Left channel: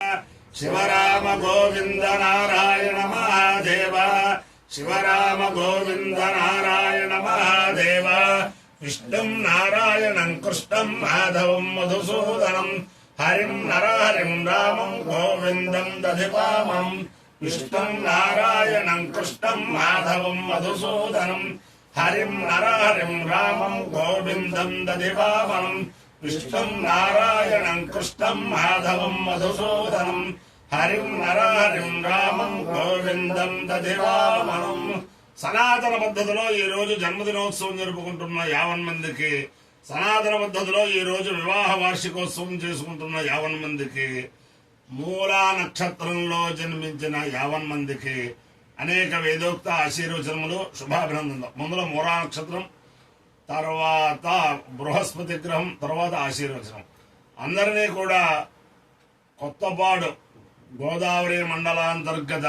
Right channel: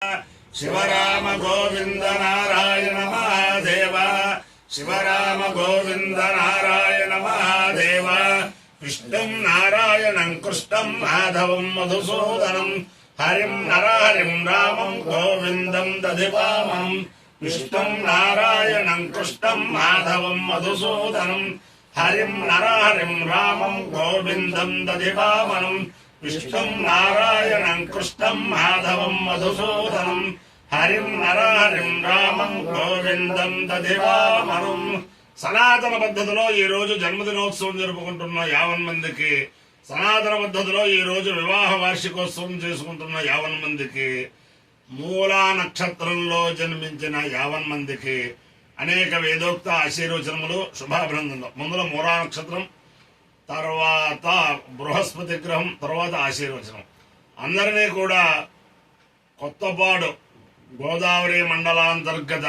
शिवराम गोविंद नारायण महादेव शिवराम गोविंद नारायण महादेव विष्णुं नारायणं कृष्णं माधवं मधुसूदनं हरिं नरहरिं रामं गोविन्दं दधिवामं विष्णुं नारायणं कृष्णं माधवं मधुसूदनं हरिं नरहरिं रामं गोविन्दं दधिवामनं विष्णुं नारायणं कृष्णं माधवं मधुसूदनं हरिं नरहरिं रामं गोविंदं दधिवामनं సనాతన పద్ధతిలో ఈ రోజు జన్మదినోత్సవం జరుపుకుంటున్న 50 మందికి, సనాతన పద్ధతిలో ఈ రోజు వివాహ వార్షికోత్సవం చేసుకుంటున్న 50 మందికి, మూలా నక్షత్రంలో జన్మించిన 50 మందికి అనేక వేదోక్త ఆశీర్వచనములు, శుభాభినందనలు. ముందులో మూలా నక్షత్రం, తర్వాత బృహస్పతి గ్రహం, తర్వాత ఆశీర్వచనం. అందరినీ కూడా కొత్తపాడు గోదావరి మండలాంతర్గత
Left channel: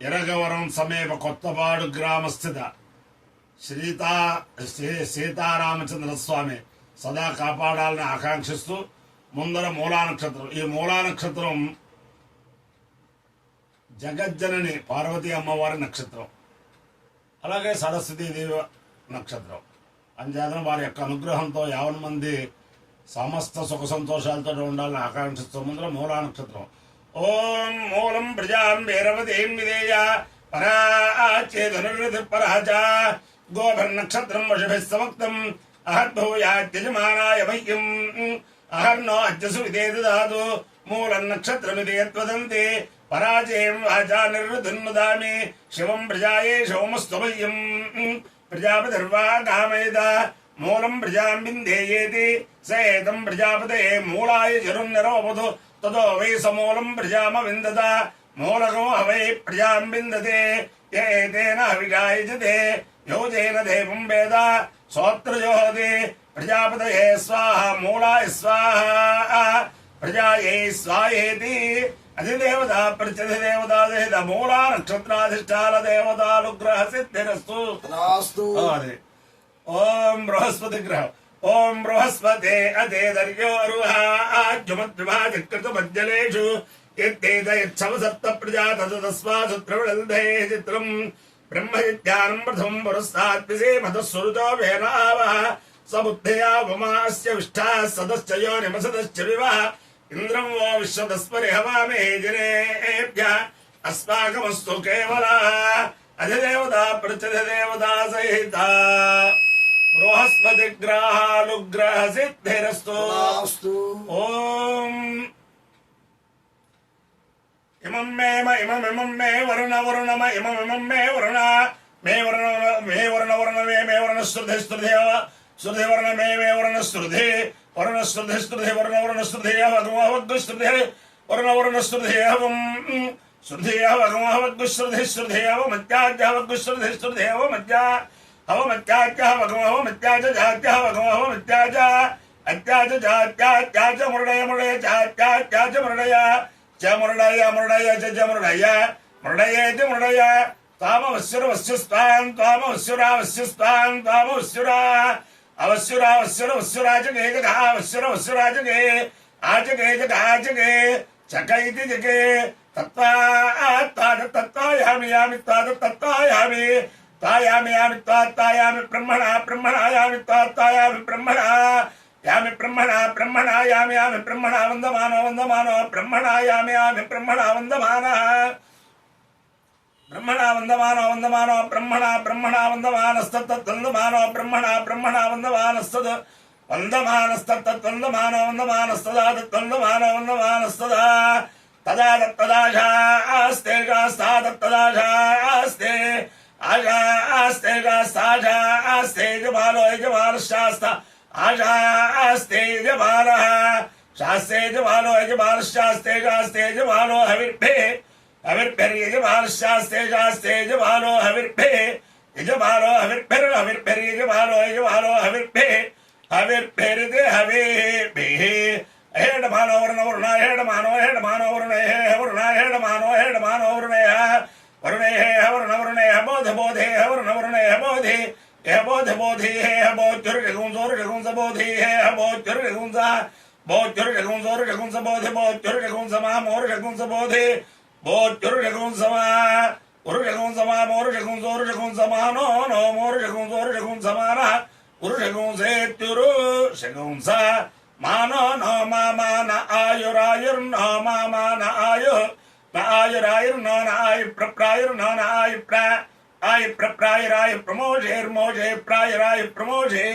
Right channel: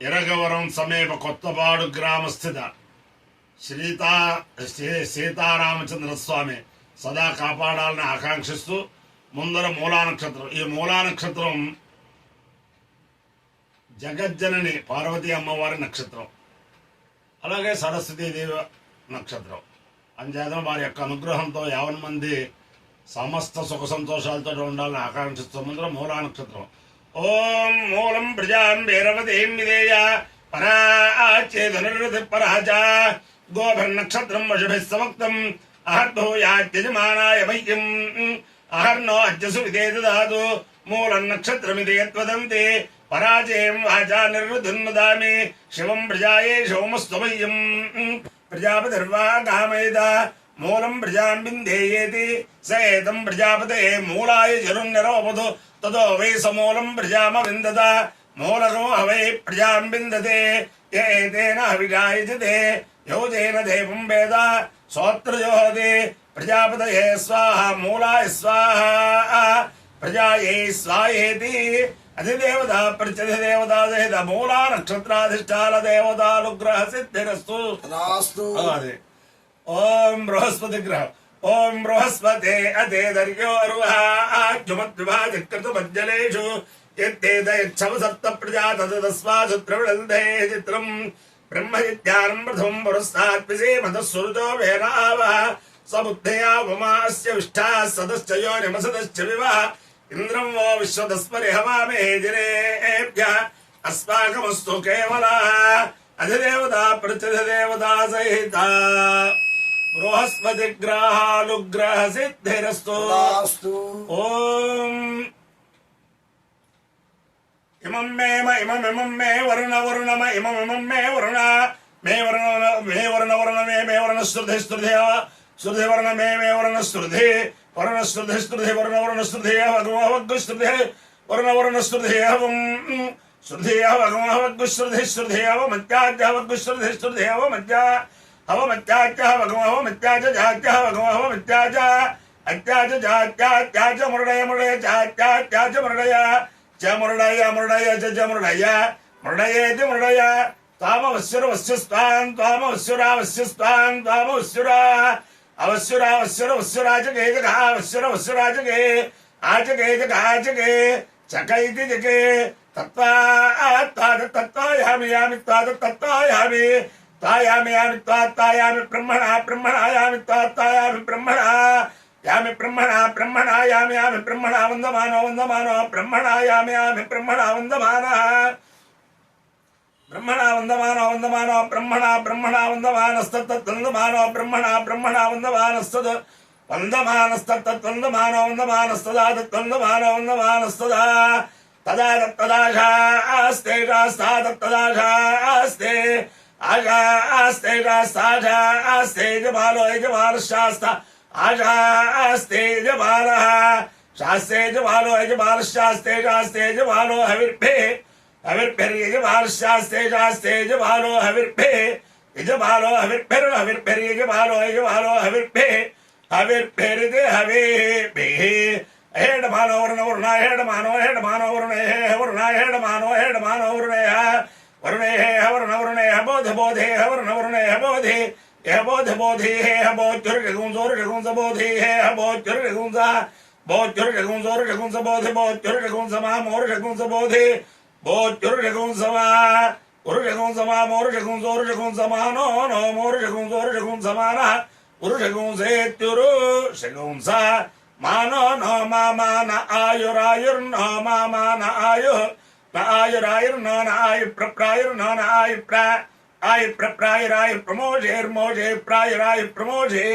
ఎరగవరం సమీప కొత్తపాడు గ్రామస్థిత సీతారామచంద్ర స్వామి సదా కాపాడాలని ఆకాంక్షిస్తూ ముందర మూలా నక్షత్రం. ఈ మూలా నక్షత్రం జగజ్జనని పార్వతీ అమ్మవారి నక్షత్రం, అలాగే సరస్వతీదేవి నక్షత్రం. అంచేతన వారి యొక్క అనుగ్రహంతో 50 మంది సమస్త సుఖ సంతోషాలతో ఉండాలని ఆకాంక్షిస్తూ ముందర మూలా నక్షత్రం. ఓం మూలం ప్రజాం భైరవతీం విధేయ పరాచేధనుర్ధి పరాచ గోభిర్నక్షత్రం వశుభిः సమక్తం అహర్భూయాత్యజమానాయ మహ్యం అహర్నో అజ్జసు విదే దదాతు మూలం నక్షత్రమితి యద్వదంతి పరాజయం వాచా నిర్వృధిన్మదామి శివం ప్రజాయే శోమస్త్వమయ్యం ప్రజాపతిర్వా కామేద మూలం ప్రజాం విందేయేతి స ఏతం ప్రజాపతే మూలాయ జరున్నిరోపదు తదో వై సమూలం ప్రజామ విందత మూలకో హవై ప్రజాం విందతే ఏతేన హవిషాయజతే యోజేన దేవం వేద సోత్రజోహతి ప్రజాపతయే స్వాహ మూలాయ స్వాహ ప్రజాయై స్వాహేతి అధిదేవత ప్రత్యధిదేవతా సహిత మూలా నక్షత్రాధిష్టాన దేవతానుగ్రహ సిద్ధిరస్తు. అదే ఓం బృహస్పతి గ్రహం. ఓం బృహస్పతే అతేదర్యో అరుహాజుమద్విభాజకృతమజ్జలేషు యత్తేదయచ్చవ సప్త ప్రజా తదస్మాశుత్రవిడందే చిత్రం బ్రహ్మవిద్యానం ప్రథమం పురస్తాత్ విసేమతస్సురుచో వేనావః సబుద్ధయా ఉమాస్య విష్ఠాః సదశ్చ యోనిమసదశ్చ వివః ఇంద్రం వో విశ్వదస్పరి హవామే జనేభ్యః అస్మాకమస్తు కేవలః అధిదేవతా ప్రత్యధిదేవతా సహిత బృహస్పతి గ్రహానుగ్రహ సిద్ధిరస్తు. ఓం ఇమం మే వరుణ వరుణమ ఇమం మే వరుణ మే వరుణ మే వరుణ శ్రుధి శ్రుధి వరుణ మే వరుణ శ్రుధి వరుణ శ్రుధి వరుణ శ్రుధి వగ్గు శ్రుధి వరుణ శ్రుధి శ్రుధి వగ్గు శ్రుధి శ్రుధి మధ్యాగ్గు శ్రుధి శ్రుధి మధ్య హవమత్యాచ భగవహో మత్యాచ జాత్య భగవహో మత్యాచ అత్యాచ జాత్యాచ మురడయ మురడయ చాత్యాచ మురడయ చ మురడయ మురడయ చ మురడయ మురడయే చ మురడయ తామవస్సుర వస్సుస్వాన్ తామవస్సురా వస్సుస్వాన్ తామవస్సురా అవస్సురా వస్సుర వస్సురాచకే జగా వస్సుర వస్సురాచకే ఆచకే జగాచకే చకైతి జకే తత్వాయామి యామి తత్వాయామి తాయామి యామి తాయామి బ్రహ్మణ బ్రహ్మణాయామి తాయామి బ్రహ్మణ యామి బ్రహ్మణ బ్రహ్మణాయామి యామి బ్రహ్మణ వందమానో వందమానో బ్రహ్మణాయామి యామి బ్రహ్మణ వందమాన బ్రహ్మణ వందమానో వందమానో బ్రహ్మణ బ్రహ్మణ వందమానస్తత్వందమానో బ్రహ్మణ బ్రహ్మణ వందమానస్తద్ వందమానస్తత్వందమానో వందమానస్తదా తత్వందమానో వందమానస్తదా తదా తదాశాస్తే తదాశాస్తే ఆశాస్తే ఆశాస్తే జబాలో యజమాన శాస్త ఆశాస్తే జబాల శాస్త్రే జబాలో యజమాన శాస్త్రే శాస్త్రే జబాలో హవిర్భే హవిర్భిర్యజమాన శాస్త్రే శాస్త్రే జబాలో హవిర్భే యజమాలో హవిర్భిర్యజమాలో యజమాలో హవిర్భే హవిర్భిరిది హవిర్భే హేడమానో వరుణ వరుణ హేడమానో హేడమానో వరుణ వరుణ హేడమానో హేడమానో వరుణ वरुणे वरुण वरुणे बोध बोधे वरुण वरुणे बोधे बोध बोधे बोधुर्गुंस बोधे बोधे बोध्युर्षकुंसोर्षकुंसबोधि बोध्युर्षकुंसमा मोर्षकुंसबोधि बोध्युर्षकुंसमा उरुषकुंसमा मोर्षकुंसोर्षकुंसमा नो नो मोर्षकुंसोर्षकुंसमानः उरुषकुंसेत्युरु शकुंसा मानो नो मामान आयुरायुर्नो मामान आयुः न आयुरायुर्नो न आयुप्रप्रायुर्नो न आयुप्रा आयुप्रप्रायुराय प्रमोषेर्मोषे प्रायुराय प्रमोषे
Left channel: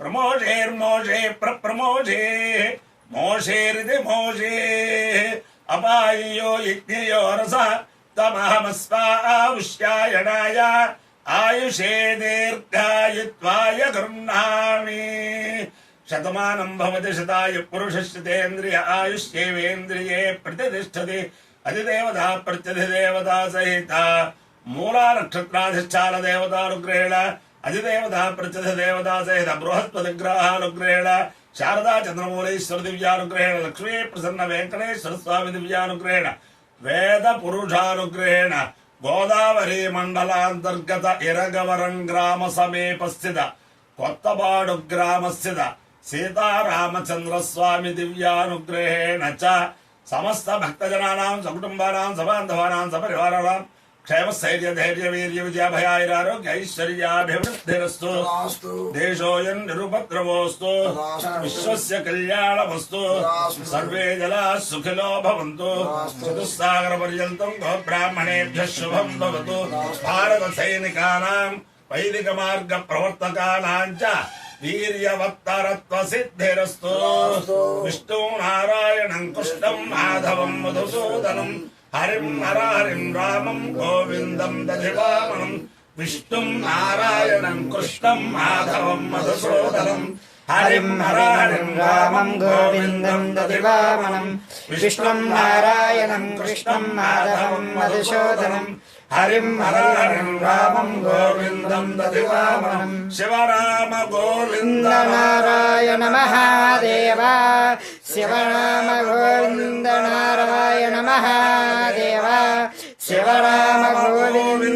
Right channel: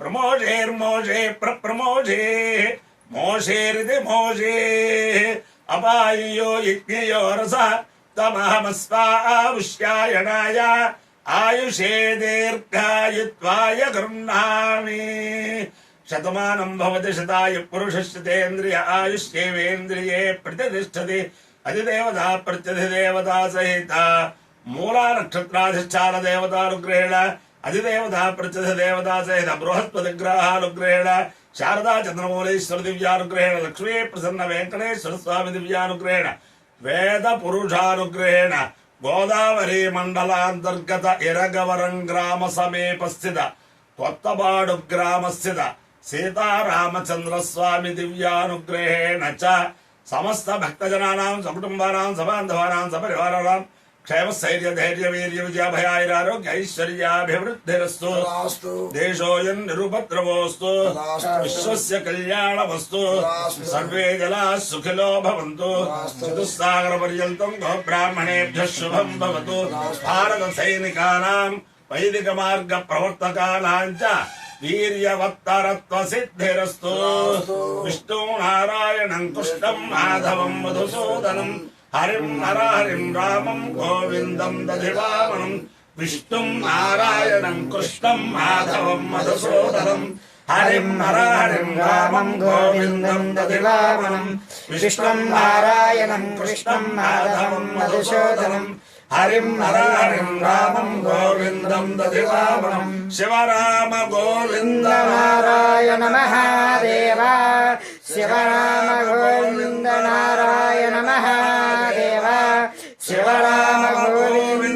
प्रमोषेर्मोषे प्रप्रमोषे मोषेरिति मोषे अपायो यज्ञयो रसः तमहमस्वावुष्यायणाय आयुषे दीर्घायुत्वाय गृह्णामि शतमानं भवति शताय पुरुषस्यतेन्द्रिय आयुष्येवेन्द्रिये प्रतिष्ठति अधिदेवता प्रत्यधिदेवता सहिता मूला नक्षत्राधिष्ठान देवतानुग्रहेण अधिदेवता प्रत्यधिदेवता सहित बृहस्पतिग्रहानुग्रहेण शारदा चंद्रमौलेश्वर दिव्यानुग्रहेण लक्ष्मी प्रसन्न वेंकटेश्वर स्वामी दिव्यानुग्रहेण वेद पुरुषानुग्रहेण गोदावरी मंडलांतर्गत इरगवरं ग्राम समीपस्थित कोत्तपाडु ग्रामस्थित सीतारामचंद्र स्वामी दिव्यानुग्रहेण च समस्त भक्तजनानां सकुटुंबानां सबान्धवानां सपरिवाराणां क्षेम स्थैर्य धैर्य वीर्य विजय भयारोग्य ऐश्वर्याभिवृद्धिरस्तु देशोऽयं निरुपद्रवोऽस्तु विश्वस्य कल्याणमस्तु सर्वे जनाः सुखिनो भवन्तु चतुस्सागरपर्यन्तं गोब्राह्मणेभ्यः शुभं भवतु भारत सैनिकानां वैदिक मार्ग प्रवर्तकानां च वीर्यवत्तरत्वसिद्धिरस्तु विष्णु नारायणं कृष्णं माधवं मधुसूदनं हरिं नरहरिं रामं गोविन्दं दधिवामनं विष्णुं नारायणं कृष्णं माधवं मधुसूदनं हरिं नरहरिं रामं गोविन्दं दधिवामनं विष्णुं नारायणं कृष्णं माधवं मधुसूदनं हरिं नरहरिं रामं गोविन्दं दधिवामनं शिवराम गोविन्द नारायण महादेव शिवराम गोविन्द नारायण महादेव शिवराम गोविन्द